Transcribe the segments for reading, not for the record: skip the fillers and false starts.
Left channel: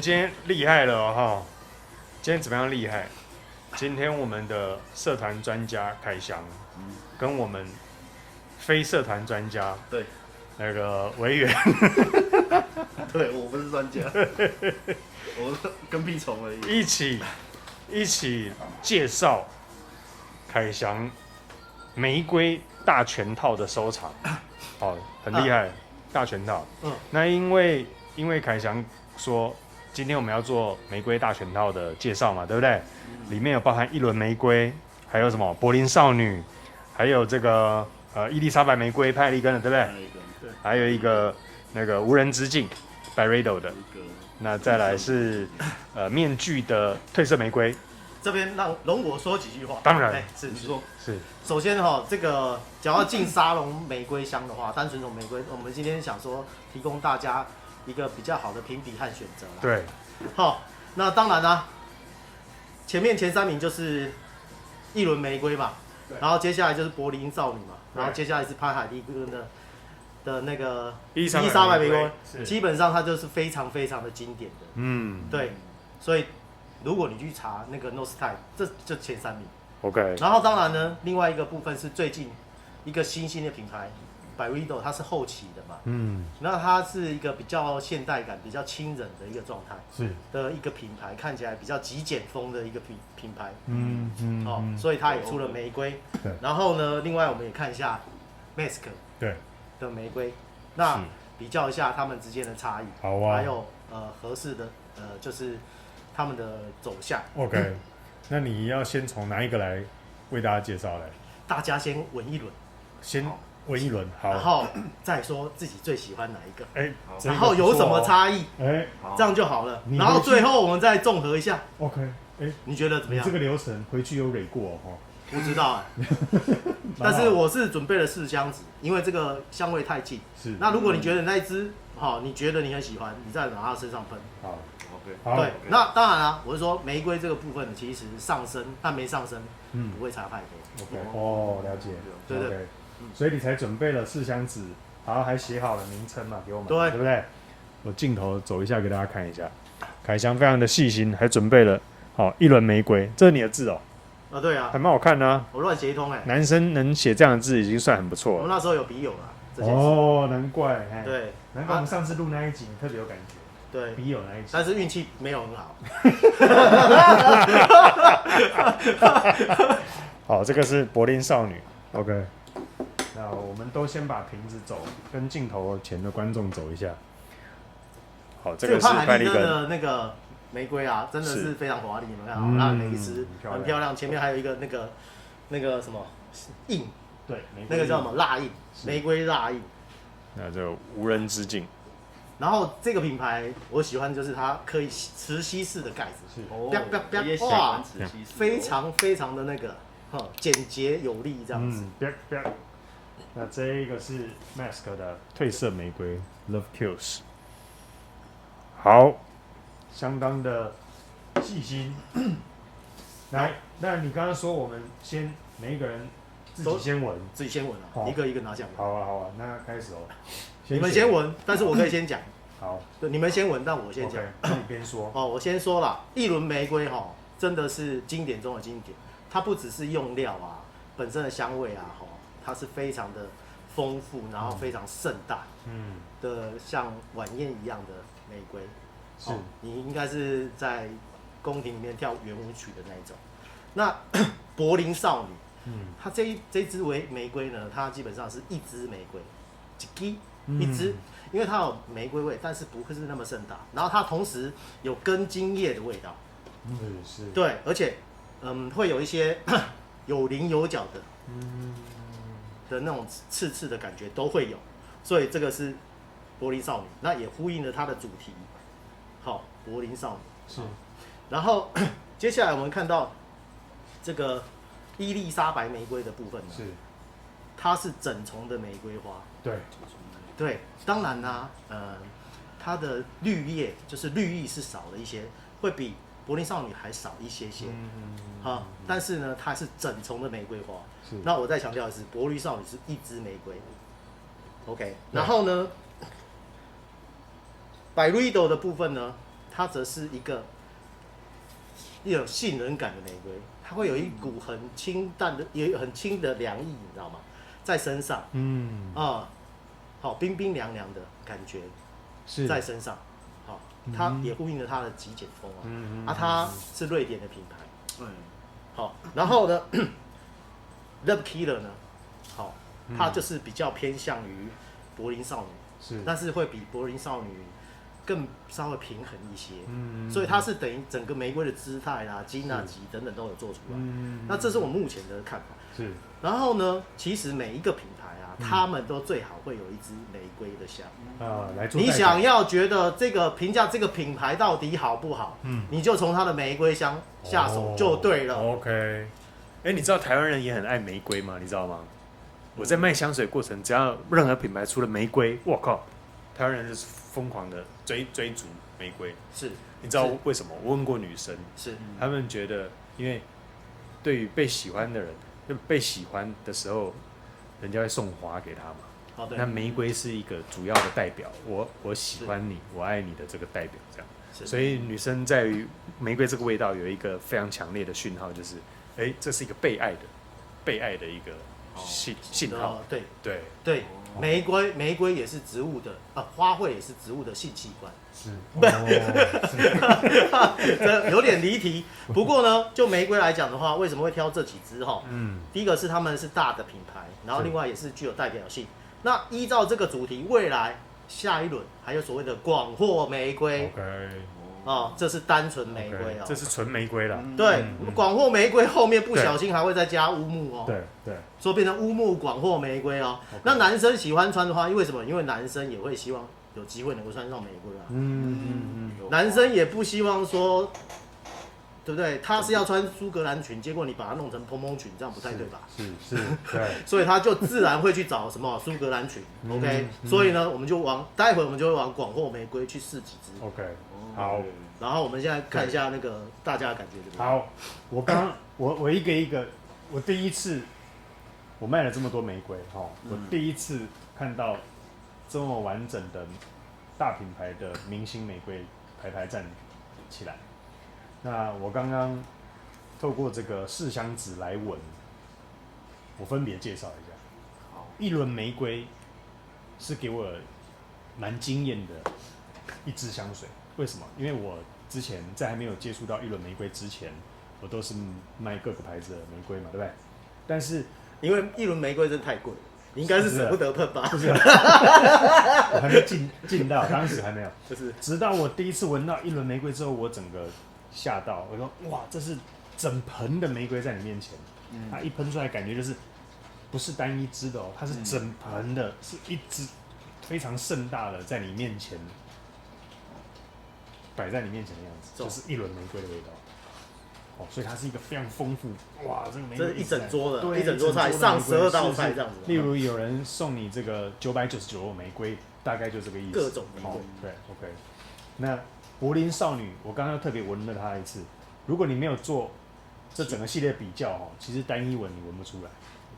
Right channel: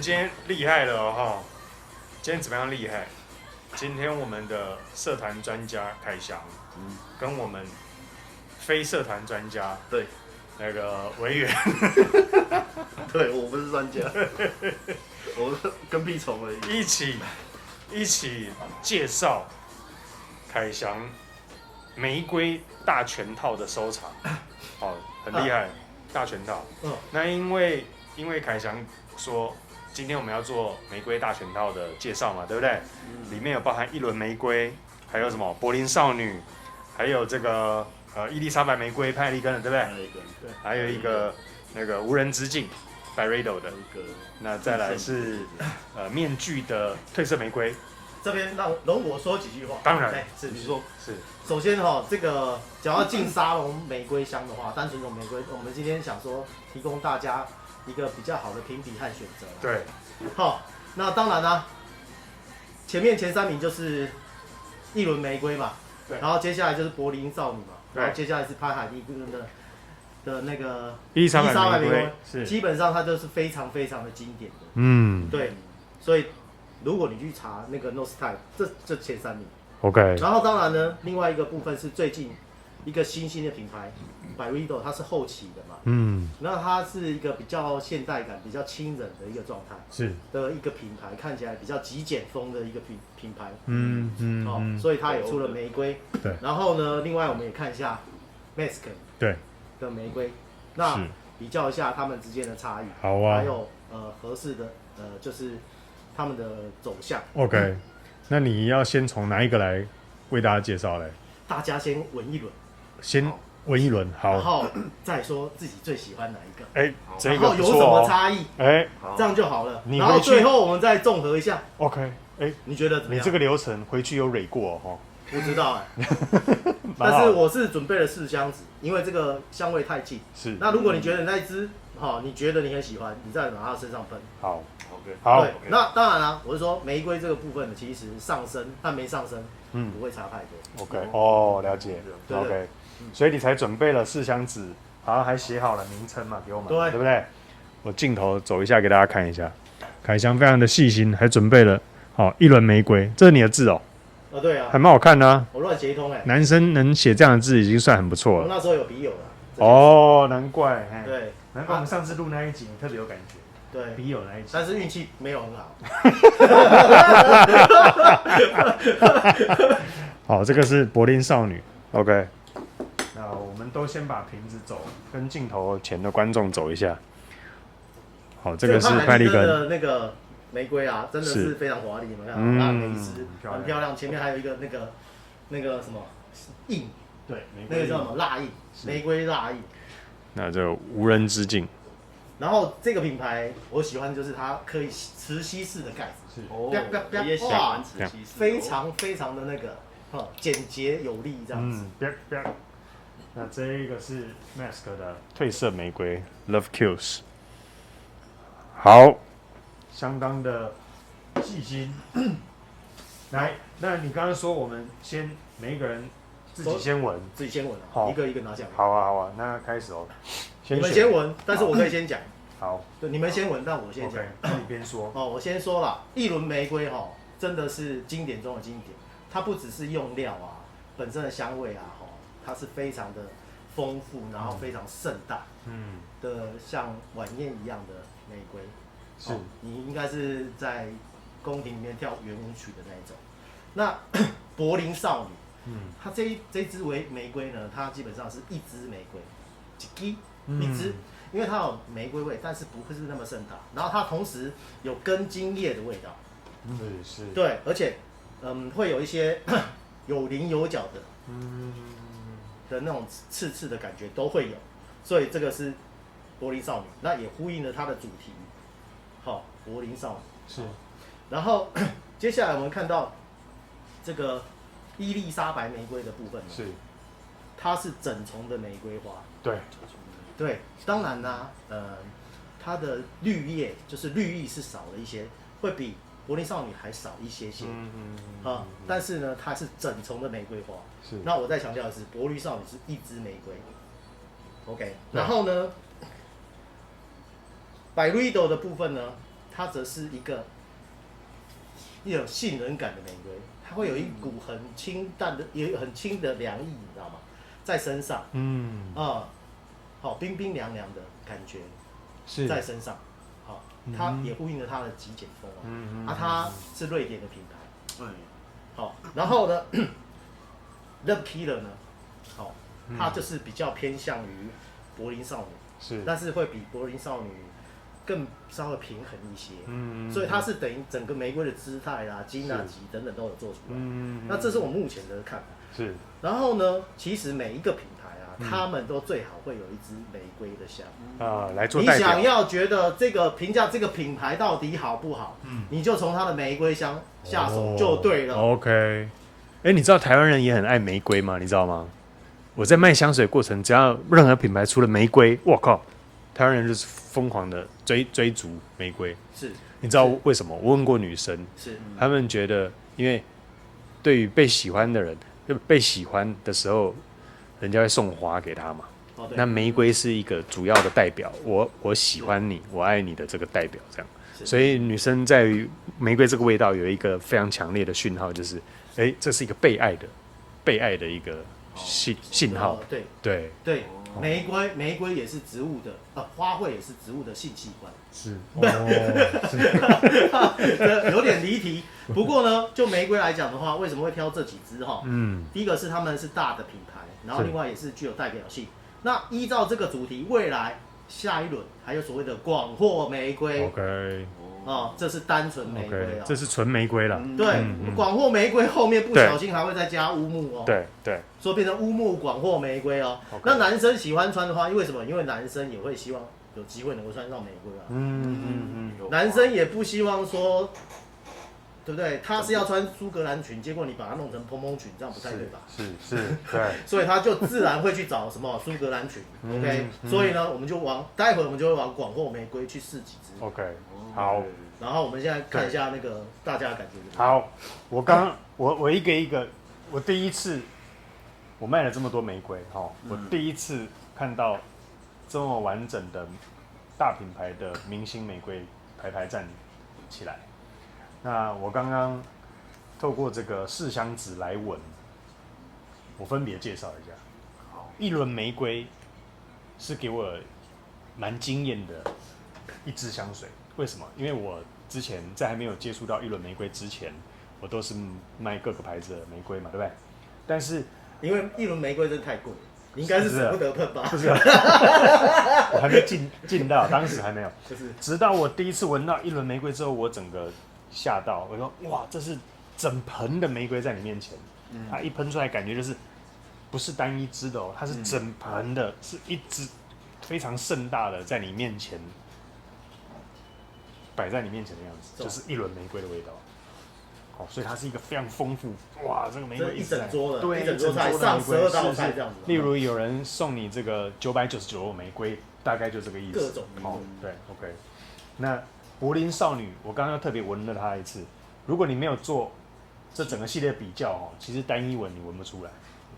们今天厉害了哈！今天怎么样厉害？今天我们的社团专家凯翔，跟我们非社团专家，对，那个委员，对我不是专家，我跟屁虫而已。一起介绍凯翔玫瑰大全套的收藏，哦，很厉害，大全套。那因为凯翔说，今天我们要做玫瑰大全套的介绍嘛，对不对？里面有包含一轮玫瑰，还有什么柏林少女，还有这个伊丽莎白玫瑰，它有一根，对不对？还有一根，对，还有一个那个无人之境 ，Byredo 的一个。那再来是面具的褪色玫瑰。这边容我说几句话。当然，是你说是。首先哈，这个只要进沙龙玫瑰香的话，单纯种玫瑰，我们今天想说提供大家一个比较好的评比和选择啦。对。好，那当然啦，前3名就是一轮玫瑰嘛，然后接下来就是柏林少女嘛，然后接下来是潘海利根的那个伊丽莎白玫瑰，基本上它就是非常非常的经典的。对，所以如果你去查那个 Nostyle， 这前3名。OK。然后当然呢，另外一个部分是最近一个新兴的品牌 Byredo， 它是后期的嘛。那它是一个比较现代感、比较亲人的一个状态，是的一个品牌，看起来比较极简风的一个品牌。所以它也出了玫瑰。对。然后呢，另外我们也看一下 Mask 对的玫瑰，那比较一下它们之间的差异。好啊。还有合适的就是他们的走向。OK， 那你要先从哪一个来为大家介绍嘞？大家先闻一轮，先闻一轮，好，然后再说自己最喜欢哪一个，然后有什么差异，这样就好了。然后最后我们再综合一下。OK， 你觉得怎么样？你这个流程回去有蕊过哦？不知道但是我是准备了4箱子，因为这个香味太近。是。那如果你觉得那一支你觉得你很喜欢，你再往它身上喷。好。OK， 好。对，那当然啦，我是说玫瑰这个部分其实上升但没上升，不会差太多。OK， 了解。对 OK， 所以你才准备了4箱子，然后还写好了名称嘛，给我们，对不对？我镜头走一下给大家看一下，凯翔非常的细心，还准备了一轮玫瑰，这是你的字哦。对啊，还蛮好看的啊。我乱写一通男生能写这样的字已经算很不错了。我们那时候有笔友了。难怪。对，难怪我们上次录那一集你特别有感觉。对，笔友那一集，但是运气没有很好。好，这个是柏林少女。OK， 那我们都先把瓶子走，跟镜头前的观众走一下。这个潘海利根的那个玫瑰啊，真的是非常华丽，你们看，它每一支很漂亮，前面还有一个那个什么印，对，那个叫什么蜡印，玫瑰蜡印。那这无人之境。然后这个品牌我喜欢，就是它可以磁吸式的盖子，是我也喜欢磁吸式，非常非常的那个简洁有力这样子。那这一个是 Mask 的褪色玫瑰 Love Kills， 好，相当的细心。来，那你刚刚说我们先每一个人自己先闻啊，一个一个拿下来。好啊，那开始哦。你们先闻，但是我可以先讲。好，对，你们先闻，但我先讲。那你边说。我先说了，一轮玫瑰真的是经典中的经典。它不只是用料啊，本身的香味啊，它是非常的丰富，然后非常盛大，的像晚宴一样的玫瑰。是，你应该是在宫廷里面跳圆舞曲的那一种。那柏林少女，它这支玫瑰呢，它基本上是一支玫瑰，一支，因为它有玫瑰味，但是不会是那么盛大。然后它同时有根茎叶的味道，是，对，而且会有一些有棱有角的，的那种刺的感觉都会有。所以这个是柏林少女，那也呼应了它的主题。好，柏林少女是。然后接下来我们看到这个伊丽莎白玫瑰的部分呢，是，它是整丛的玫瑰花，对，当然啦，它的绿叶就是绿意是少了一些，会比柏林少女还少一些，但是呢，它是整丛的玫瑰花。是，那我再强调的是，柏林少女是一支玫瑰。OK， 然后呢，Byredo 的部分呢，它则是一种杏仁感的玫瑰，它会有一股很清淡的，也很轻的凉意，你知道吗？在身上，好冰冰凉凉的感觉，在身上，好，它也呼应了它的极简风它是瑞典的品牌，对，好，然后呢，Love Killer 呢，好，它就是比较偏向于柏林少女，但是会比柏林少女更稍微平衡一些，所以它是等于整个玫瑰的姿态啦、金啊、级等等都有做出来，那这是我目前的看法。是，然后呢，其实每一个品牌他们都最好会有一支玫瑰的香来做代表。你想要觉得这个评价这个品牌到底好不好，你就从它的玫瑰香下手就对了。OK， 你知道台湾人也很爱玫瑰吗？你知道吗？我在卖香水过程，只要任何品牌出了玫瑰，我靠，台湾人就是疯狂的追逐玫瑰。是，你知道为什么？我问过女生，他们觉得，因为对于被喜欢的人，被喜欢的时候，人家会送花给他嘛。那玫瑰是一个主要的代表，我喜欢你，我爱你的这个代表，这样。所以女生在于玫瑰这个味道有一个非常强烈的讯号，就是，这是一个被爱的一个信号。对，玫瑰也是植物的花卉也是植物的性器官。是，这有点离题。不过呢，就玫瑰来讲的话，为什么会挑这几支哈？第一个是他们是大的品牌，然后另外也是具有代表性。那依照这个主题，未来下一轮还有所谓的广藿玫瑰。这是单纯玫瑰这是纯玫瑰啦。对，广藿玫瑰后面不小心还会再加乌木对，所以变成乌木广藿玫瑰那男生喜欢穿的话，因为什么？因为男生也会希望有机会能够穿上玫瑰男生也不希望说，对不对？他是要穿苏格兰裙，结果你把它弄成蓬蓬裙，这样不太对吧？是，对。所以他就自然会去找什么苏格兰裙，OK？所以呢，我们就待会我们就会往广藿玫瑰去试几支 ，OK？ 好。然后我们现在看一下那个大家的感觉怎么样？好，我一个，我第一次我卖了这么多玫瑰我第一次看到这么完整的大品牌的明星玫瑰排站起来。那我刚刚透过这个试香纸来闻，我分别介绍一下。好，一轮玫瑰是给我蛮惊艳的一支香水。为什么？因为我之前在还没有接触到一轮玫瑰之前，我都是卖各个牌子的玫瑰嘛，对不对？但是因为一轮玫瑰真的太贵了，应该是舍不得喷吧？不是，我还没进到，当时还没有。直到我第一次闻到一轮玫瑰之后，我整个吓到，我说哇，这是整盆的玫瑰在你面前，它一喷出来感觉就是不是单一支的它是整盆的，是一支非常盛大的在你面前。摆在你面前的样子，就是一轮玫瑰的味道。所以它是一个非常丰富，哇，这个玫瑰一整桌的，对，一整桌菜上12道菜这样子。例如有人送你这个999玫瑰，大概就这个意思。各种玫瑰。对 ，OK。那柏林少女，我刚刚又特别闻了它一次。如果你没有做这整个系列比较其实单一闻你闻不出来，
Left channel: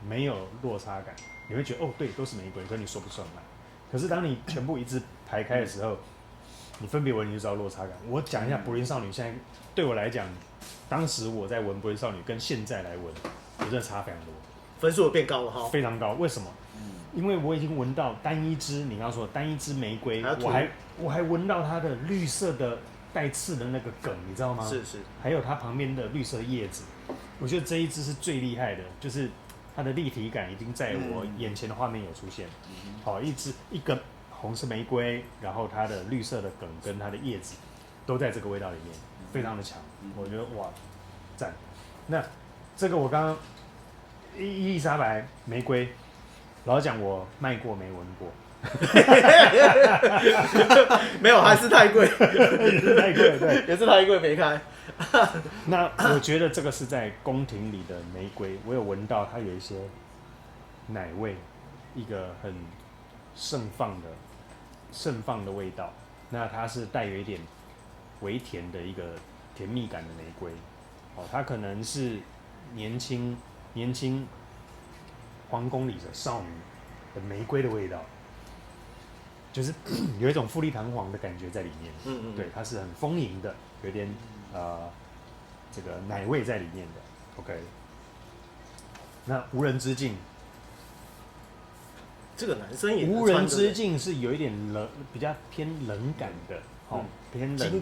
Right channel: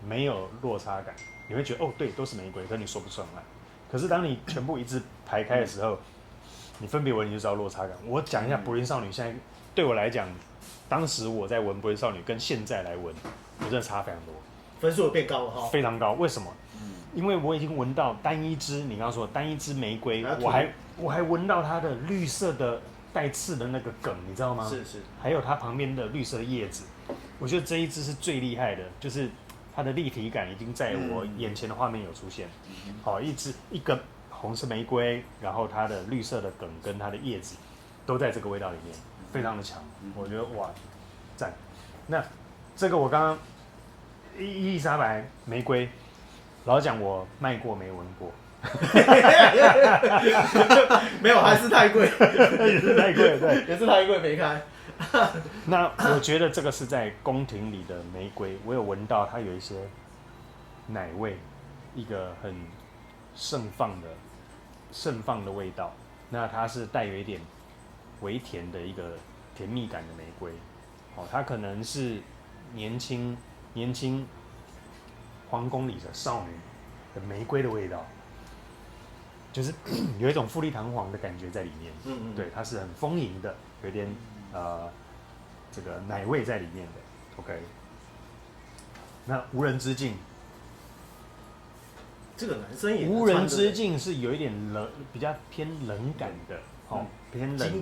没有落差感，你会觉得对，都是玫瑰，可你说不上来。可是当你全部一字排开的时候，你分别闻你就知道落差感。我讲一下柏林少女，现在对我来讲，当时我在闻柏林少女跟现在来闻，我真的差非常多，分数变高了非常高。为什么？因为我已经闻到单一支，你刚刚说单一支玫瑰，我还闻到它的绿色的带刺的那个梗，你知道吗？是，还有它旁边的绿色的叶子，我觉得这一支是最厉害的，就是它的立体感已经在我眼前的画面有出现。好，一个红色玫瑰，然后它的绿色的梗跟它的叶子都在这个味道里面，非常的强。我觉得哇，赞。那这个我刚刚伊丽莎白玫瑰，老实讲我卖过没闻过，没有，还是太贵，也是太贵，对，也是太贵没开。那我觉得这个是在宫廷里的玫瑰，我有闻到它有一些奶味，一个很盛放的味道。那它是带有一点微甜的一个甜蜜感的玫瑰，它可能是年轻皇宫里的少女的玫瑰的味道。就是有一种富丽堂皇的感觉在里面。对，它是很丰盈的，有点这个奶味在里面的。OK， 那无人之境，这个男生也无人之境是有一点冷，比较偏冷感的，偏冷，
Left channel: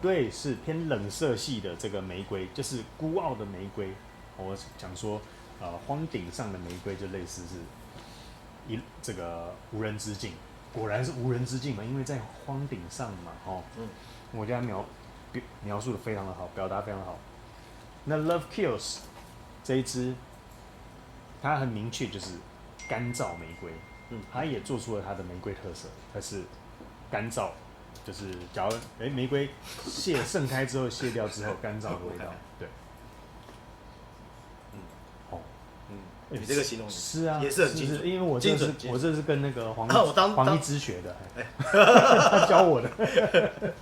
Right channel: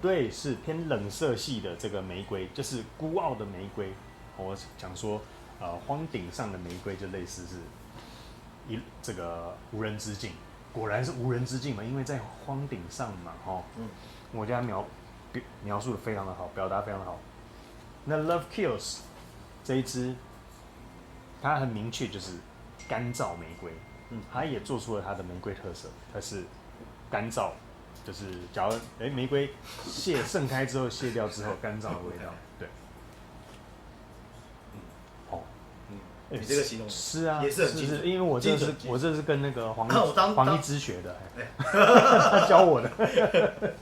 对，是偏冷色系的这个玫瑰，就是孤傲的玫瑰。我讲说，荒顶上的玫瑰就类似是这个无人之境，果然是无人之境嘛，因为在荒顶上嘛，我觉得描述的非常的好，表达非常的好。那 Love Kills 这一支，它很明确就是干燥玫瑰，它也做出了它的玫瑰特色，它是干燥，就是假如玫瑰盛开之后卸掉之后干燥的味道，对，你这个形容是啊，也是很精准，因为我这是跟那个黄一之学的，他教我的。